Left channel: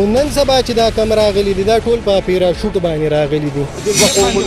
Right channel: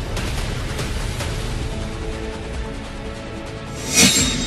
خو نن سبا چې دا کم راغلي دي دا ټول په پیراشوټ باندې راغلي دي.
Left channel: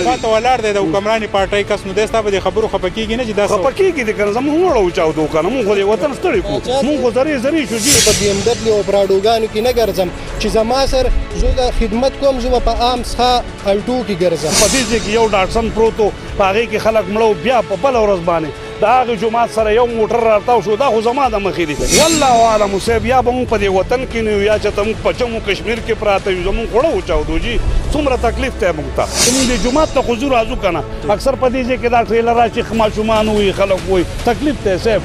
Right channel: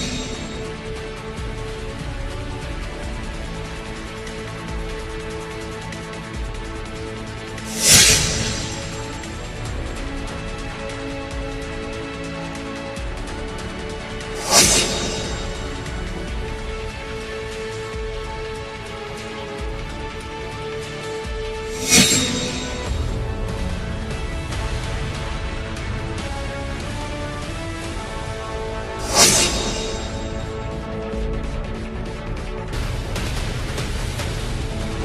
پاته ولاړ دی د حکمراني پارټۍ کس نو دی ستا به د خبرو خفه کېږي نه چې دا خفه کېږي دي که نه زموږ وړو چاودو که نه مونږ خو د وطن ستړي کړو مونږ خو زرې شو دي. په بي ام ډبلیو او پراډوګانو کې نه ګرځم چې زما سر زه د خدمت کوم زه په عام څخه الټو کې ګرځم. په دې ځای کې یو ډاټسن پروت و په هغې کې خلک مړه بیا په بله ورځ باندې د هغې جومات سره یو موټر راتاو شو دا خو زما د مخې دي. والله اعلم صاحب یا به مونږ په دې وطن کې نه یو یا چې ته مونږ په جمو کشمیر کې پراته یو زمونږ خوړه وچاودو جي څومره تکلیف دی مونږ ته. زمونږ د جومات ته خو ځو راځو که نه اکثر په دې ځای کې دا ټریلر راشي ماشومان وي خلک وایي تکلیف دی صاحب.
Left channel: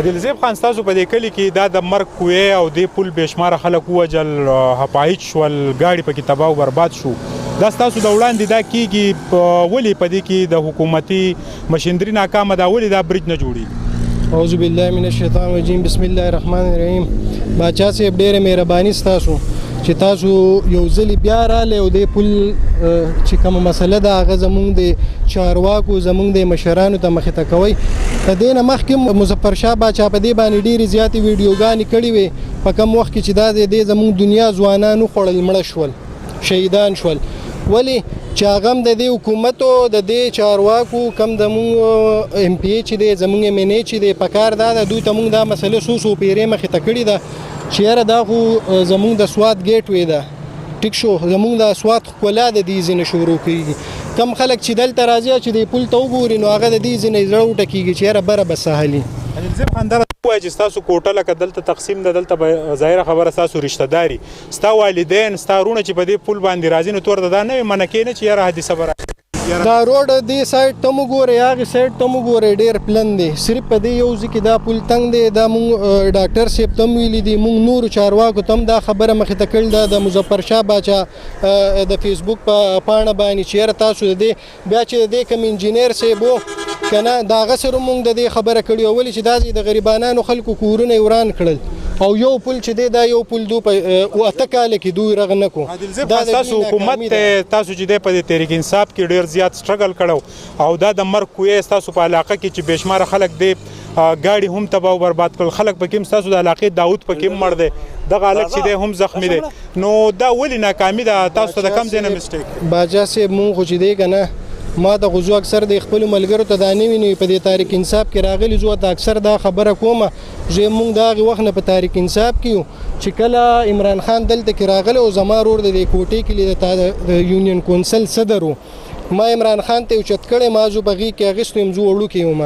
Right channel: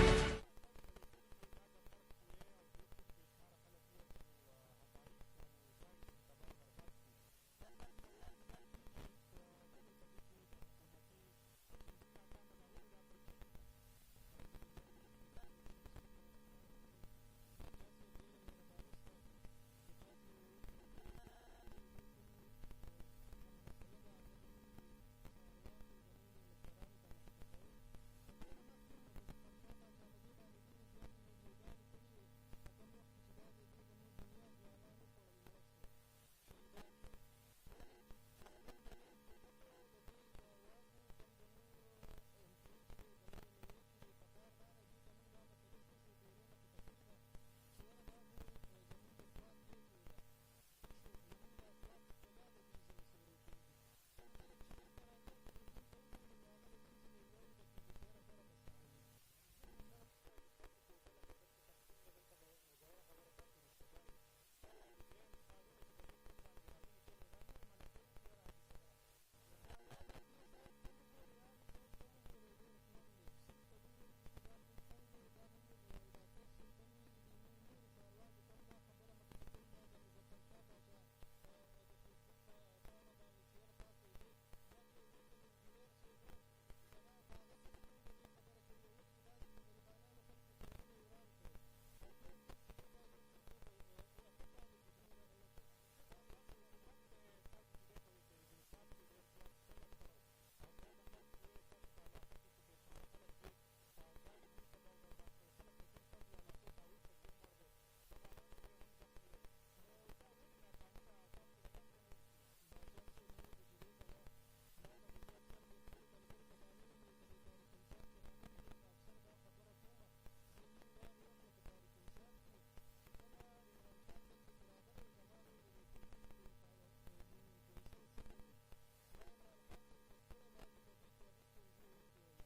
عادلزیب خان ستاسو په دې کلي کې دا د مرګ کوې او دې پل بېشماره خلک ووجل هپایچ شول ګاډي پکې تباه او برباد شو دا ستاسو د وړاندې دا کېږي ولې په دې کې د حکومتي مشندري ناکامه ده ولې دا برج نه جوړېږي؟ اعوذ بالله من الشیطان الرجیم بسم الله الرحمن الرحیم. باچا صاحب ډېره مهرباني ستاسو چې تاسو یو ځلې بیا رالی او دې پل چې کومه مسله ده هغه زموږ د چارواکو زموږ د مشرانو ته مخې ته کوئ. د دې نه مخکې مظفر شاه باچا په دې باندې ډېرې زیاتې ویډیوګانې کړې وې په کم وخت کې چې دا د زموږ دنیا ځوانان وخوړل مړه شول شهیدان شول. ولې چې هغه هم د دې حکومت او د دې چارواکو کم زموږ ایم پی ای چې دی زموږ ایم ان ای چې دی پکار دا ده دوی ته موږ دا مسله څو پیرې مخې ته کړې ده چې یاره دا خو زموږ د سوات ګیټ وی ده ټیک شو زموږ د سوات ښکلا د دې ځینې شروع کېږي. کم خلک چې دلته راځي چې د پل ته وګوري نو هغه د دې ځینې زړه وټکېږي چې یاره بره به سهلي. عادلزیب خان دا وایي چې ستاسو کوټه لکه دلته تقسیم ده دلته به ظاهره خبره ستاسو رشته داري ستا والدین ستا وروڼه چې په دې پل باندې راځي نو تور دا نه وي منع کې نه چې یاره حادثه به راشي. دا روډ دې سایډ ته مو ګورئ هغې سایډ ته مو ګورئ ډېر پلن دی صرف په دې یو ځای کې دا پل تنګ دی دا مونږ ډاکټر صاحب ته هم ویلي دي مونږ نورو چارواکو ته هم دا خبره مخې ته کړې ده د مظفر شاه باچا د فیسبوک په پاڼه باندې چې یاره تاسو د دې بیا چې د دې کوم انجینر صاحب و که نه د هغه سره مونږ د دې خبره کړې وه ولې چې دا د غریبانانو خلکو کورونه یې وران کړل او یو پل چې دی دا یو پل دو په 8 کاله کې دوی رغ نه کو. عادلزیب خان ستاسو حکومت تاسو چې دی په دې تحریک انصاف کې ډېر زیات سټرګل کړو او دا د مرګ کوې ستاسو په علاقه کې چې بېشماره خلک دی ګاډي هم تباه او برباد کړل خلک پکې هم ستاسو د علاقې داود پکې هم مړ دی دغه هلک چې دی هم زخمي دی نو دا ولې ناکامي ده تاسو ته د کم ځای نه مسټیک؟ باچا صاحب مونږ خو چې دی که نه ما د غزو اکثر د خپلو ملګرو ته دا نه ویني په دې تحریک انصاف کې راغلي زه ته اکثر دا خبره کومه زه مونږ د هغې وخت نه په تحریک انصاف کې یو چې کله عمران خان دلته کې راغلی او زما ورور د دې کوټې کې د یونین کونسل صدر و ما عمران خان ته اوچت کړی ما زه په هغې کې اخیستی یم زه وړوکی یم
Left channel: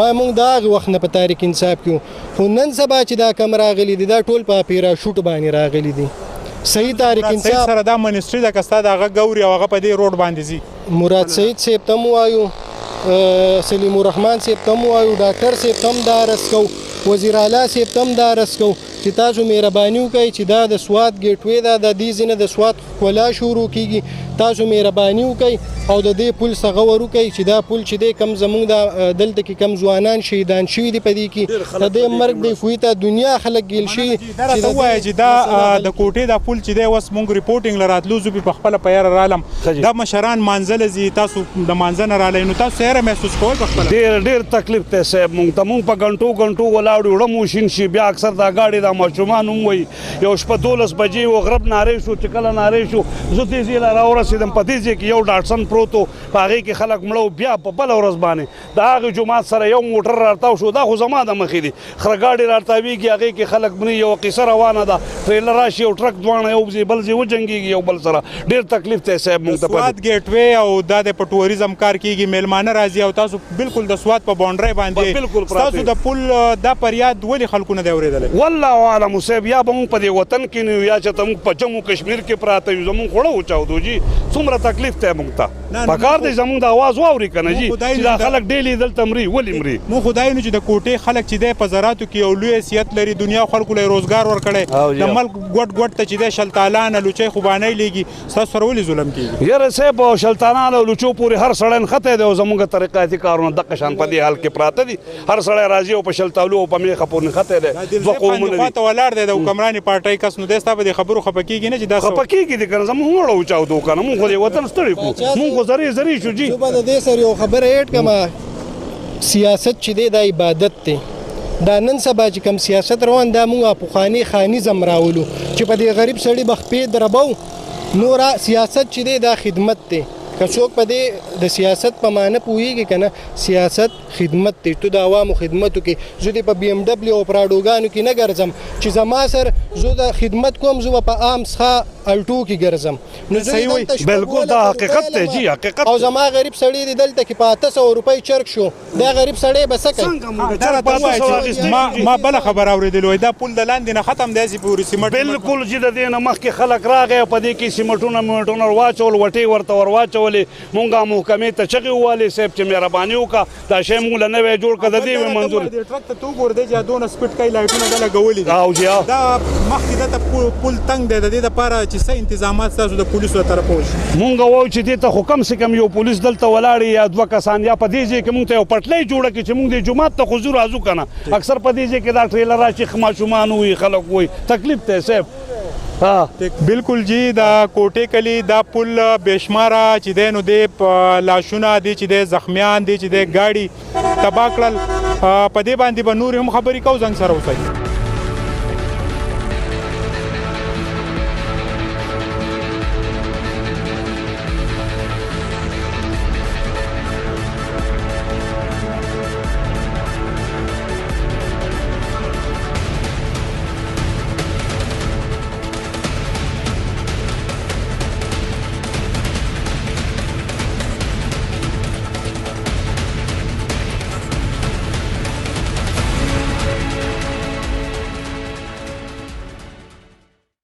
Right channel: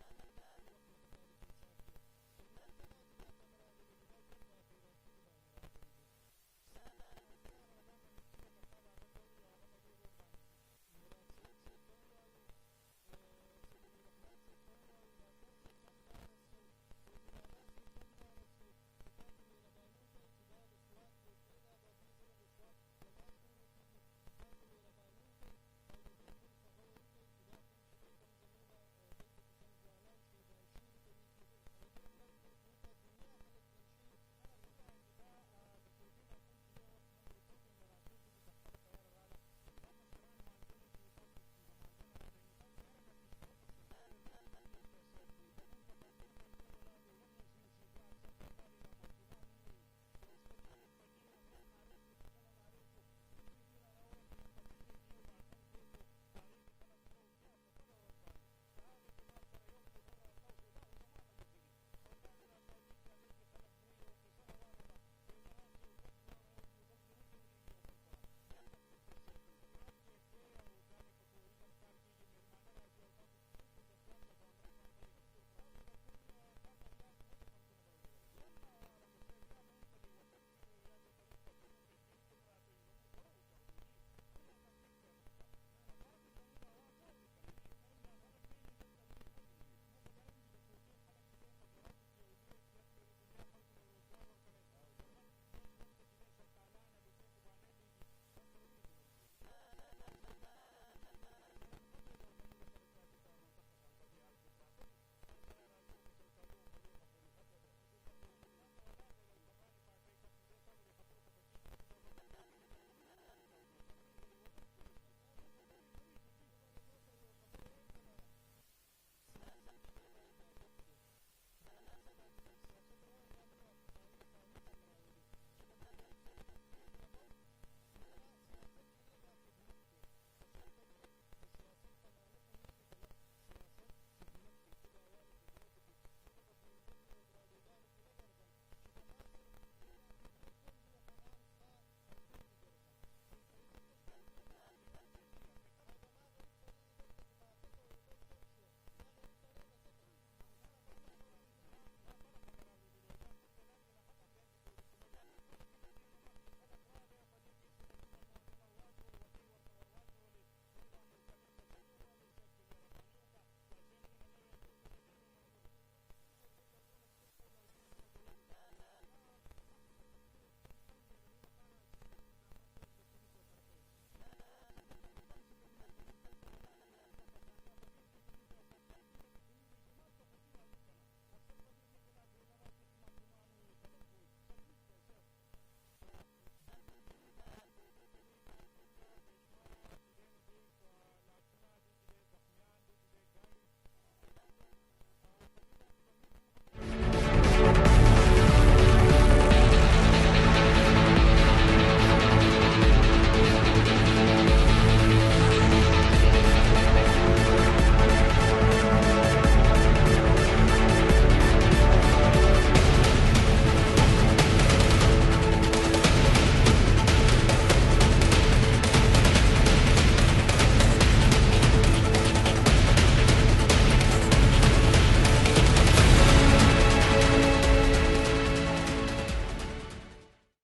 ما مونږ د هغې وخت نه په تحریک انصاف کې یو خو نن سبا چې دا کم راغلي دي دا ټول په پیراشوټ باندې راغلي دي. صحیح تحریک انصاف سره دا منسټري ده که ستا د هغه ګوري او هغه په دې روډ باندې ځي مراد سعید صاحب ته م وایو سلیم الرحمن صاحب ته م وایو ډاکټر صاحب ته هم دا عرض کوو وزیر اعلی صاحب ته هم دا عرض کوو چې تاسو مهرباني وکړئ چې دا د سوات ګیټ وی ده د دې ځینې د سوات ښکلا شروع کېږي تاسو مهرباني وکړئ او د دې پل څخه ور وکړئ چې دا پل چې دی کم زموږ د دلته کې کم ځوانان شهیدان شوي دي په دې کې د دې مرګ د فویته دنیا خلک ګیل شي دا راته ووایه چې دا د کوټې دا پل چې دی اوس مونږ ریپورټینګ له راتلو زه په خپله په یاره رالم دا مشران مانځله ځي تاسو د مانځه نه رالی نو تاسو یاره محسوس کوئ په خپله ډېر تکلیف دی صاحب مونږ ته مونږ په ګنټو ولاړ وړه مو شین شي بیا اکثر دا ګاډي دا ماشومان هم وایي یو شپه 12 بجې و غرب نارې شو چې کله نارې شو زه تیزې له راورسېدم په دې ځای کې یو ډاټسن پروت و په هغې کې خلک مړه بیا په بله ورځ باندې د هغې جومات سره یو موټر راتاو شو دا خو زما د مخې دي خره ګاډي راتاویږي هغې کې خلک مري یوه قصه روانه ده ټریلر راشي یو ټرک دواړه یو ځای بل ځای وجنګېږي یو بل سره ډېر تکلیف دی صاحب مونږ ته سوات ګیټ وی او دا د په ټوریزم کار کېږي میلمانه راځي او تاسو بالکل د سوات په باونډرۍ باندې تاسو د پل دا فریاد ولې خلکو نه دی اورېدلی؟ والله اعلم صاحب یا به مونږ په دې وطن کې نه یو یا چې ته مونږ په جمو کشمیر کې پراته یو زمونږ خوړه وچاودو جي څومره تکلیف دی مونږ ته پکار دی زمونږ د اواز واوري که نه جي چې دا خلک ډیلي دلته مري ولې مري مونږ خو دا وینو چې د کوټې خلک چې دی په زراعتو کې یو لوی حیثیت لري دنیا خلکو له روزګار ورکړی د ملک ګوټ ته چې دی شلتالان لوچۍ خوبانۍ لیږي ستاسو سره ولې ظلم کېږي؟ یاره صاحب شلتانان او لوچو پورې هر سړی نښتی دی او زمونږ طریقاتي کارونه دغه شان په دې حال کې پراته دي هر سړی راځي او په شلتالو او په میخه پورې نښتی دی دوه قومونه ته ولاړ دی د حکمراني پارټۍ کس، نو دی ستا په دې خبرو خفه کېږي نه چې دا خفه کېږي دي که نه زموږ مړه وچاودو که نه مونږ خو دې وطن ستړي کړو مونږ خو زرې شو جي. زه به د دې سره یو خبره ایډ کړم، سیاست چې دی دا عبادت دی. دا نن سبا چې کوم سیاست روان دا موږ پخواني خانیزم راولو چې په دې غریب سړي به خپې دربو. نور سیاست چې دی دا خدمت دی. که څوک په دې د سیاست په معنی پوهېږي که نه، سیاست خدمت دی. تو د عوامو خدمت وکړې. زه دې په بي ام ډبلیو او پراډوګانو کې نه ګرځم چې زما سره زه د خدمت کوم، زه به په عام څخه الټو کې ګرځم. نو صحیح وایي، بالکل دا حقیقت دی جی، حقیقت. او زما غریب سړی دی دلته کې په 800 روپۍ چرک شو، دا غریب سړی به څه کوي؟ ما بله خبره اورېدلې وای دا پل د لاندې نه ختم دی هسې پورې سیمټ. بالکل چې د دې نه مخکې خلک راغی او په دې کې سیمټونه میمټونه واچول، وټې ورته ور واچولې. مونږ محکمې ته چغې ووالې صاحب چې مهرباني وکړه دا شی مونږ له نوی جوړ کړه، د دې مې منظور. ټرک ته تو ګورې دی چې دونه سپیډ کوي لایټونه دا لګولي دي. او جی دا مخکې دلته پل تنګ دی، د دې دپاره چې څه انتظامات ستاسو د پولیسو له طرفه وشي. مونږ وایو چې دې ته خو کم سې کم یو پولیس دلته ولاړ یا دوه کسان، یا په دې ځای کې مونږ ته یو پټلۍ جوړه کړي چې مونږ دې جومات ته خو ځو راځو که نه. اکثر په دې ځای کې دا ټریلر راشي، ماشومان وي، خلک وي، تکلیف دی صاحب. بالکل جی، دا کوټې کلی دا پل بېشماره چې دی نو دی لاشونه دي چې دی زخمیان دي چې دی ګاډي تباه کړل. په دې باندې به نورې هم خبرې کوو. زنګ سره اوسئ.